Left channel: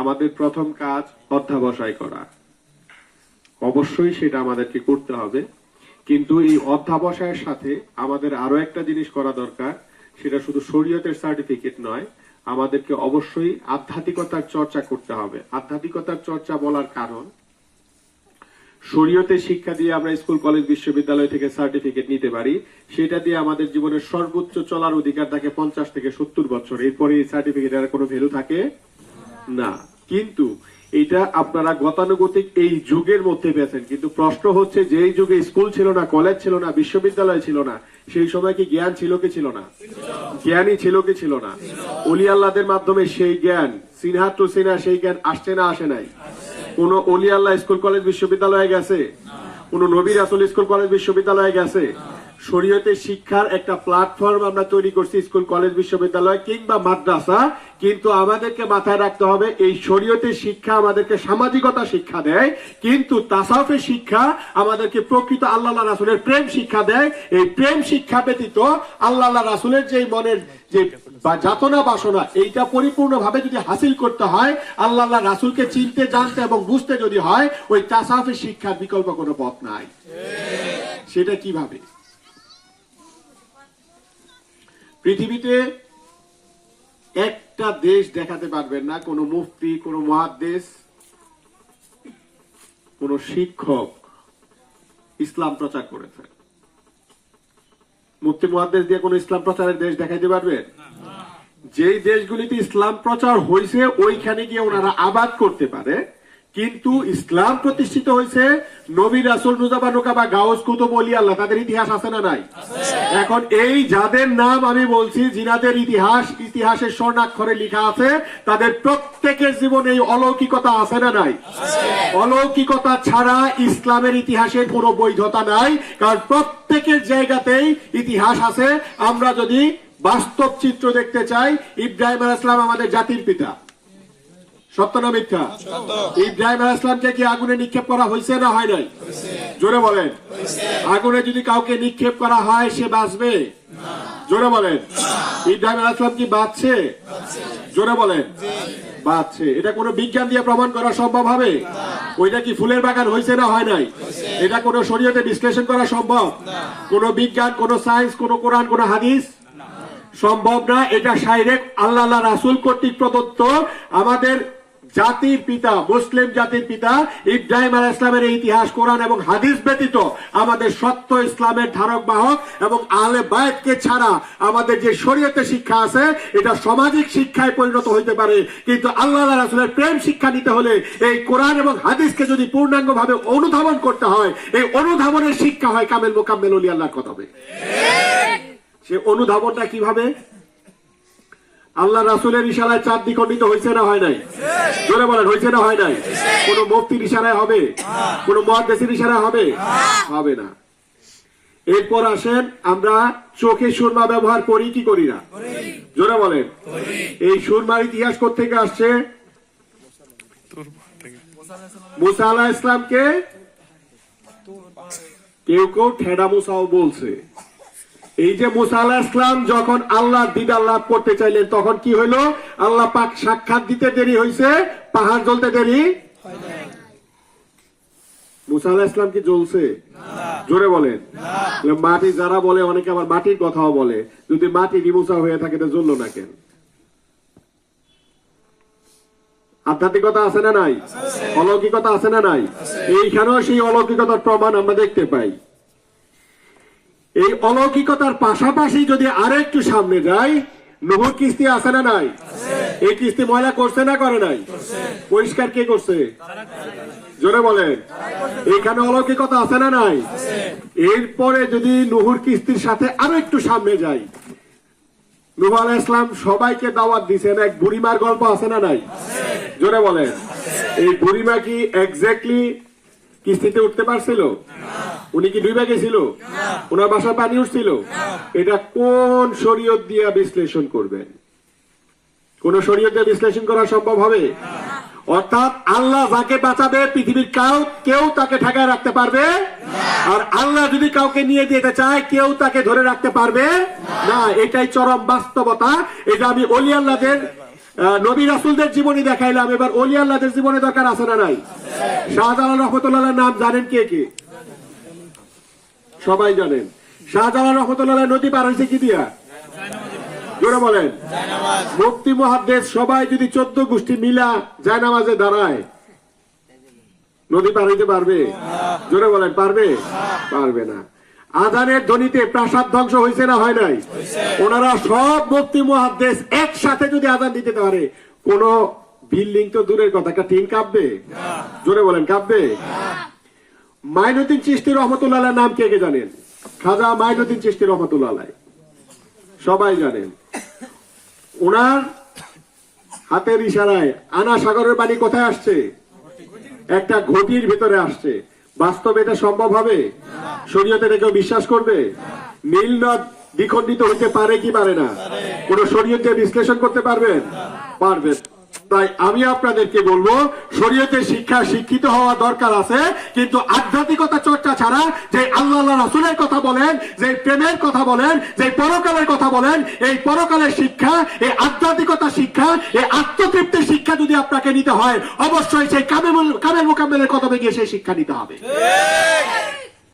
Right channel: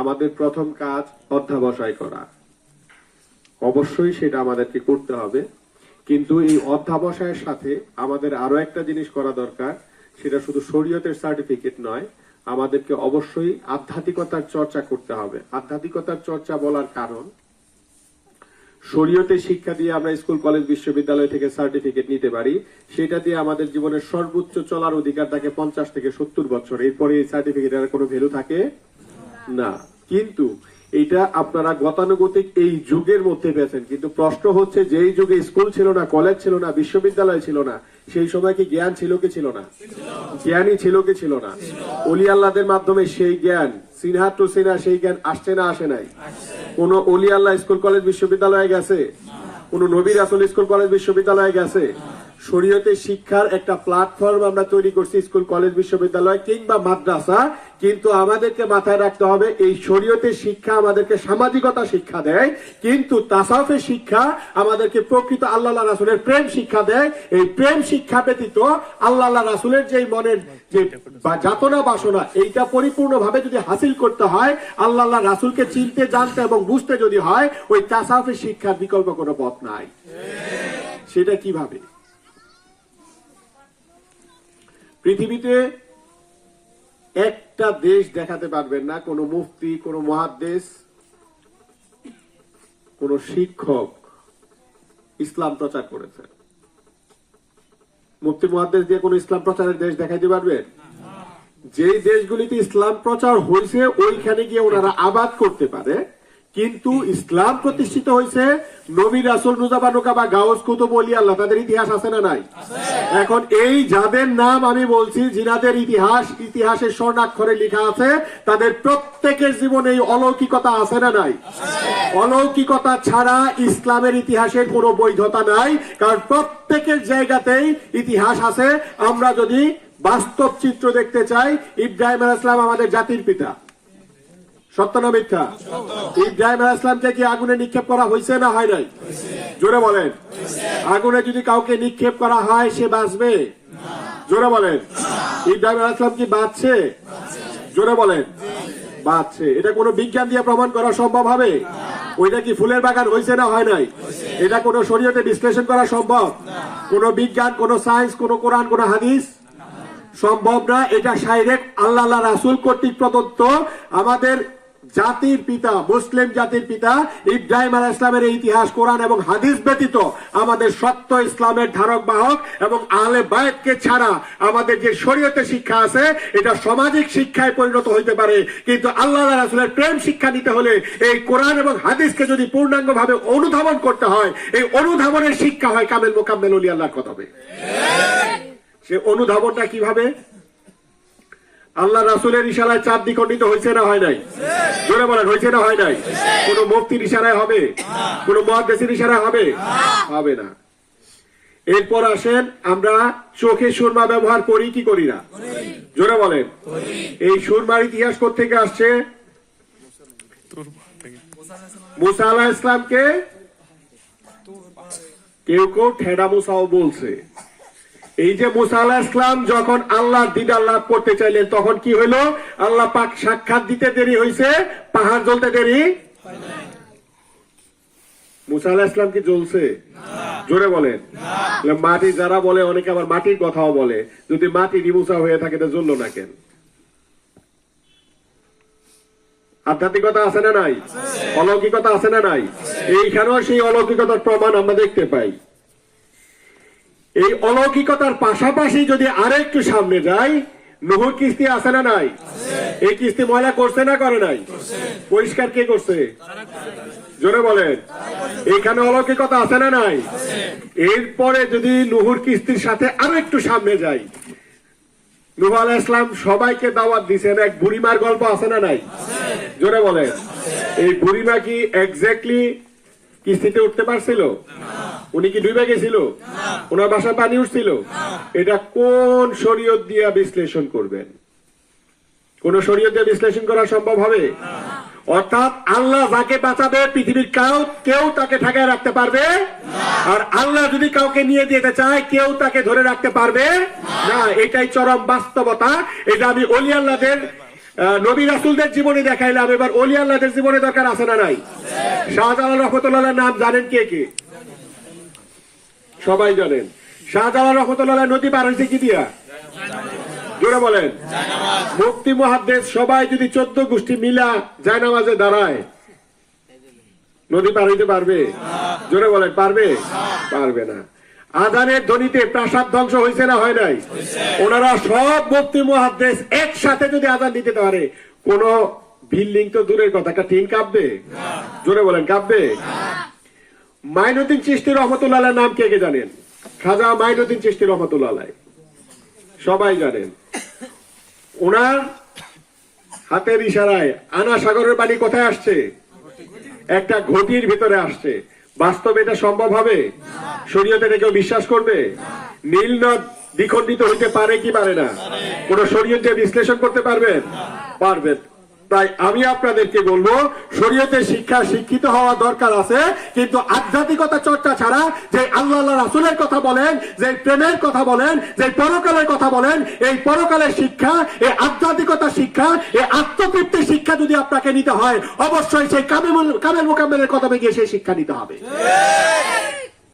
আমাদের প্রথম কাজ অধ্যাবসায় করা। অবশ্যই সেটা আমাদেরকে করতে হবে, কিন্তু এই অধ্যাবসায়ের সাথে আমাদের আরও একটা জিনিস করা দরকার, সেটা শুধু শরীয়তের সার্টিফিকেট নয়, আমাদেরকে অবশ্যই আধ্যাত্মিকতার চর্চা করতে হবে। আধ্যাত্মিকতার চর্চা বলার কারণ শরীয়তে শিক্ষা দিয়ে আমরা স্কুল, কলেজ, বিশ্ববিদ্যালয় থেকে সার্টিফিকেট নিতে পারি, সেটা দিয়ে আমাদের জীবনের সর্বোচ্চ চলার অধিকার থাকে পঞ্চাশ থেকে সত্তর বছর, এরপরে এই সার্টিফিকেটের কোনো ভ্যালু থাকে? না। কিন্তু এটা আপনারা গতানুগতিক এই যুগের মধ্যে পেয়েছেন। কিন্তু প্রশ্ন হচ্ছে যে এই যুগে স্কুল ছিল না, কলেজ ছিল না, বিশ্ববিদ্যালয় ছিল না, সেই সময় কি জ্ঞান ছিল কি ছিল না? জ্ঞানই ছিল কি ছিল না? অলি আল্লাহদের মাধ্যমে সেই জ্ঞান, সিনহা টু সিনহা, সেই জ্ঞান আসছে না, আসে নাই। কোন অলি আল্লাহ স্কুল, কলেজ, বিশ্ববিদ্যালয়ে গেছে? কোন নবীর আসল স্কুল, কলেজ, বিশ্ববিদ্যালয়ে গেছে? শরীয়তে শিক্ষার একটা প্ল্যাটফর্ম আমরা তৈরি করছি স্কুল, কলেজ, বিশ্ববিদ্যালয় কিংবা মাদ্রাসা। কিন্তু আমাদেরকে মাথায় রাখতে হবে, এই শরীয়তের শিক্ষা আমাদেরকে সামাজিকতা শিক্ষা দেয়, কিন্তু তাসাফের শিক্ষা আমাদেরকে প্রকৃত আল্লাহ রাসুলের প্রেম শিক্ষা দেয়। এই প্রেম শিক্ষা ব্যতীত আল্লাহ রাসুলের যে মনের যে যাতনা বাসনা, এইটা পরিপূর্ণভাবে যদি হাসিল করতে হয়, আল্লাহ রাসুলকে চিনতে, জানতে এবং বুঝতে যদি হয়, ওই তাসাফের শিক্ষার বিকল্প কোনো পথ নাই। সেটা কীভাবে? পৃথিবীতে একটা দেশ দেখাতে পারবেন না কোন মুফতি কোন মহাদেশ কোন শিক্ষক ইসলাম প্রচার করেছে। মুফতি মহাদেশ দিয়ে কোন ইসলাম প্রচারের দেশ দেখাইতে পারবেন যেই দেশগুলিতে ইসলাম প্রচার হয়েছে ওইখানে গিয়ে ওনারা আবাদ করতে পারে। কিন্তু ইসলাম প্রতিষ্ঠিত হয়েছে নবী রাসুল নুজাবানুকা বা গাউস, কুতুব আল্লাহ, তাদের ইতিহাস আছে না নাই? এখন এই যাদের নাম আমি বলছি, জিনাদের ইতিহাস, ইতিহাসের স্বর্ণাক্ষরে লেখা আছে, তাদের প্রত্যেকের জীবনে অলৌকিকতা আছে না নাই? অলৌকিকতা ছাড়া ইসলামের ইতিহাসে কোনো বৈধতা নাই, কারণ প্রত্যেকের জায়গাতেই ইতিহাস আছে। আমরা যদি বাস্তব চিত্র দেখতে চাই, ইব্রাহিম আলাইহিস সালাম আমাদের জাতির পিতা। সত্য না মিথ্যা? ইব্রাহিম আলাইহিস কি আগুনে নিক্ষেপ করা হয়েছে না হয় নাই? জোরে বলেন। আগুনে যদি কাউকে নিক্ষেপ করা হয় সে বাঁচবে? জোরে বলেন। ইব্রাহিম আলাইহিস সালাম কি বাঁচছে? জোরে বলেন। বাঁচছে। এটা কোনো বিজ্ঞান দিয়ে প্রমাণ করা সম্ভব হবে? ওইটা কি ফুলের বাগান হয়েছে না হয় নাই? এটা কোনো শরীয়তে বিশ্লেষণ করা সম্ভব? কোন বিজ্ঞান কোন সায়েন্স কোন কোরআন কোন হাদিস? সম্ভব না। এটা আল্লাহ আল্লাহ রাসুল কর্তৃক প্রদত্ত। আমাদের জাতির পিতা, মুসলিম জাতির পিতা, ইব্রাহিম আলাহ ইসলামের ইতিহাস, কোরআন এবং হাদিস ব্যতীত আমাদের সত্য ইসলামের ধারক বাহক এবং আলে বায়তকে ছাড়া আমাদের যে শরীয়তে শিক্ষা আছে, এটা সামাজিক শিক্ষায় পরিণত হইতে পারে। কিন্তু আল্লাহ রাসুলের প্রেম শিক্ষা নিতে হলে এই কোরআন এবং হাদিসকে যদি পূর্ণাঙ্গ ভাবে অনুধাবন করতে হয়, এই অনুধাবনের শিক্ষা হয় কামেল মোকাম্মেল আল্লাহর কথা সে অনুধাবনটা কীভাবে? আল্লাহ রাসুলের ইশারায় চাঁদ দ্বিখণ্ডিত হয়েছে না হয় নাই? জোরে বলেন হয়েছে না হয় নাই? কোন মুক্তির ইশারায় হবে? কোন মহাদেশের ইশারায় হবে? হবে না। এরপর আসেন আমরা চোখে সুরমা ব্যবহার করি কি করি না? জোরে বলেন। এই সুরমার ইতিহাস থেকে আসছে? মুসা আলাহ ইসলামকে কেউ কেউ ঠেডা মুসাও বলছে। এই যে মুসা আলাহ ইসলাম যখন আল্লাহর দিদার লাভ করতে চাইলেন তখন কি হলো আল্লাহ পাক সাক্ষাৎ দিতে দেরি হয়েছে পাহাড় জ্বলতে দেরি? মুসা আলাহ ইসলাম কি জ্বলছে? জোরে বলেন। মাটি যারা বলে অনেকে আবার মাটির কথাও বলে। যদি মাটি নিমুসা হয়ে থাকে তো জ্বললো না কেন? আধ্যাত্মিকতা আছে না নাই? অলৌকিকতা আছে না নাই? এইখানেও সেই অলৌকিকতার প্রমাণ আমরা দেখতে পাই। এই অলৌকিকতার পাশাপাশি যদি আরেকটু সামনে যাই, নহর কিস্তি আছে না নাই। এই কিস্তি ময়লা করছে না করে নাই? পরিষ্কার কে করছে? জোরে বলেন। এখানে অলৌকিকতা আছে না নাই? এরপরে যদি নুহুর কিস্তির সাথে আরও একটু সামনে যাই, নুহ আলাহ ইসলাম সবাইকে দাওয়াত দিছেন, এক বুড়িমার গল্প আছে না নাই? জোরে বলেন। এই বুড়িমা কি এক্স্যাক্টলি কিস্তিতে উঠতে পারছিল? উনি কি ডুবে গেছিল ওনার বাসা পানি উঠছিল? এটা কোন শরীয়ত দিয়ে বিশ্লেষণ করবেন? কোন শরীয়ত দিয়ে বিশ্লেষণ করা সম্ভব হবে? অর্থাৎ আল্লাহ যাকে বাঁচাবে পৃথিবীর কাউ কেউ তাকে ঠেকায় রাখতে পারবে? আর আল্লাহ যদি কাউকে নিয়ে যেতে চায় কেউ তাকে ধরে রাখতে পারবে? না এটাই চরম বাস্তবতা। এটা আমি অলি আল্লাহদের নবী রাসুলদের জীবনে দেখাইলাম। এবার অলি আল্লাহদের জীবনে দরকার আছে না নাই? শাহজালাল রহমতুল্লাহ নাম জানেন কে কে? সবাই জানেন। শাহজালাল রহমতুল্লাহ নদী পার হয়েছে কি দিয়া? জোরে বলেন। মুক্তি মহাদ্দেশ সবাই যদি চোদ্দ গোষ্ঠী মিলা যায় নামাজে দাঁড়ায়, নদী পার হইতে পারবে? জোরে বলেন, পারবে? পারবে না। আধানের ধ্বনিতে প্রাসাদ ধ্বংস হয়েছে না হয় নাই? ওনারা সব মুক্তি মহাদ্দেশ একসাথে যদি আধান দিতে পারে, কোন বিল্ডিং তো দূরের কথা, একটা টিন কাঁপবে? জোরে বলেন, কাঁপবে? মাইনুদ্দিন চিস্তি রহমতুল্লাহ নাম কে কে জানেন? খাজা মাইনুদ্দিন চিস্তি রহমতুল্লাহ সবাই জানেন। ওনার হাতের ইশারায় আনা সাগরের বাড়ি কোথায় আসছে? একটা ঘটির ভিতরে আসছে। বাস্তবে এটা সম্ভব হবে? শরীয়তে এটা কেউ বিশ্বাস করবে? নীল নদ দ্বিখণ্ডিত হইতে পারে কি পারে না? কোন শরীয়তে বিশ্লেষণ করতে পারবেন? পারবেন। তাই আমি আপনাদেরকে বলব, শরীয়তের শিক্ষা শিক্ষিত হওয়া দরকার আছে, কিন্তু আধ্যাত্মিকতা চর্চা ছাড়া যে আল্লাহ রাসুলের কথা বলেন, যে প্রেমের কথা বলেন, যে পরকালের কথা বলেন, এই পরকালের শিক্ষা, এই আধ্যাত্মিকতা শিক্ষা, এই আত্মতৃপ্তির শিক্ষা যদি আপনাকে নিতে হয়, অবশ্যই সেই কামের কামের মোকামেলের কথা গিয়ে সেই শিক্ষা নিতে হবে।